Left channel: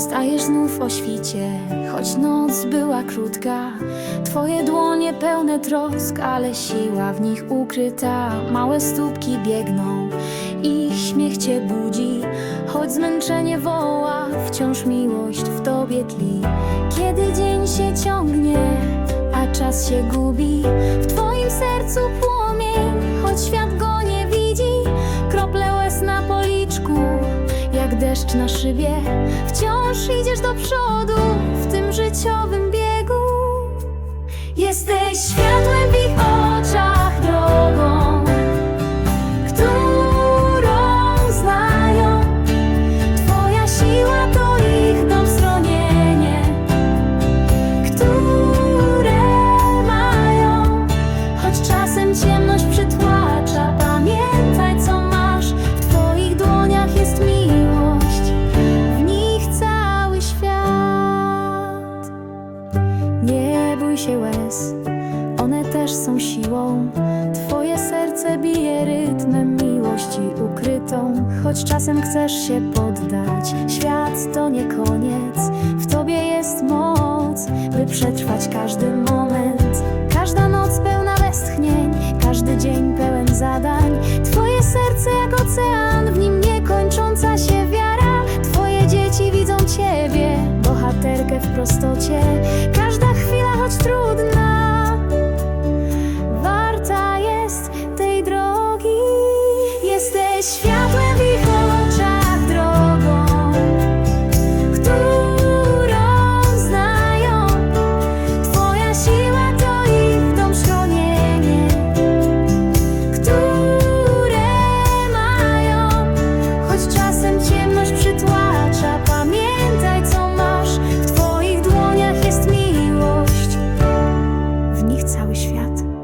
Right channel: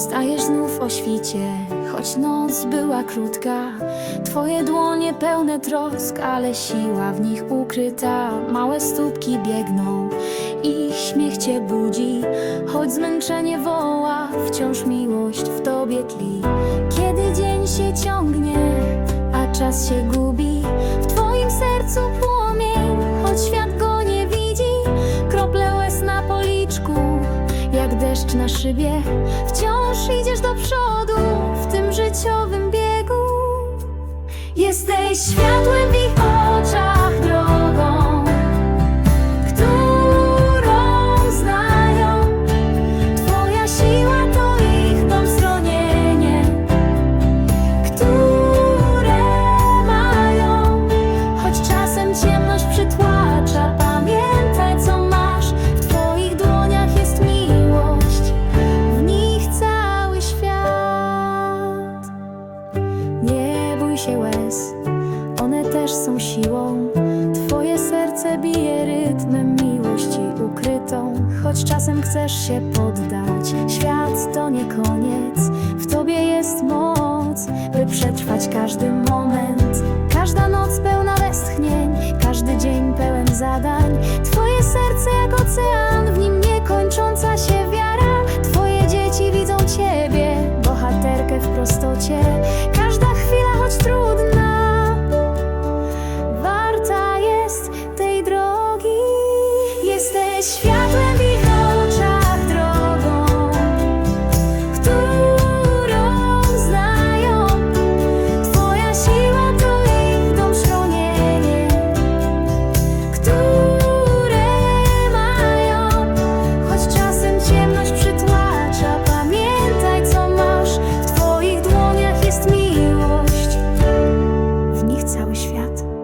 Wstajesz znów o świcie, choć noc była krótka. Twoje dłonie pełne trosk, ale siła w nich ukryta. Małe stópki biegną, ich śmiech cię budzi. Choć zmęczenie woła, wciąż miłość w tobie tli. Kiedy dzień się ciągnie, a czas się gubi, w twoim sercu płomień, choć świat go nie widzi. Krople łez na policzku, jak deszcz na szybie, wciąż idziesz do przodu w tym życiowym biegu. Jesteś światłem w ich oczach, drogą, którą znają. Twoja siła to ich dom schronienie, które mają. Choć czasem ciemność przytłacza, Nie bój się łez, one też są siłą. Twoje serce bije rytmem miłości ukrytą. Choć czasem chcesz się poddać, świat to nie koniec. W tobie jest moc, by przetrwać każdy moment. Każda noc pełna westchnień, każdy dzień pełen zadań. Twoje serce jak ocean, w nim niekończąca się wiara. Twoje dzieci widzą ciebie, bohaterkę w prostocie. Każda chwila, choć trudna, warta jest tej drogi. Jesteś światłem w ich oczach, drogą, którą znają. Twoja siła to ich dom schronienie, które mają. Choć czasem ciemność przytłacza, pamiętaj. Yet.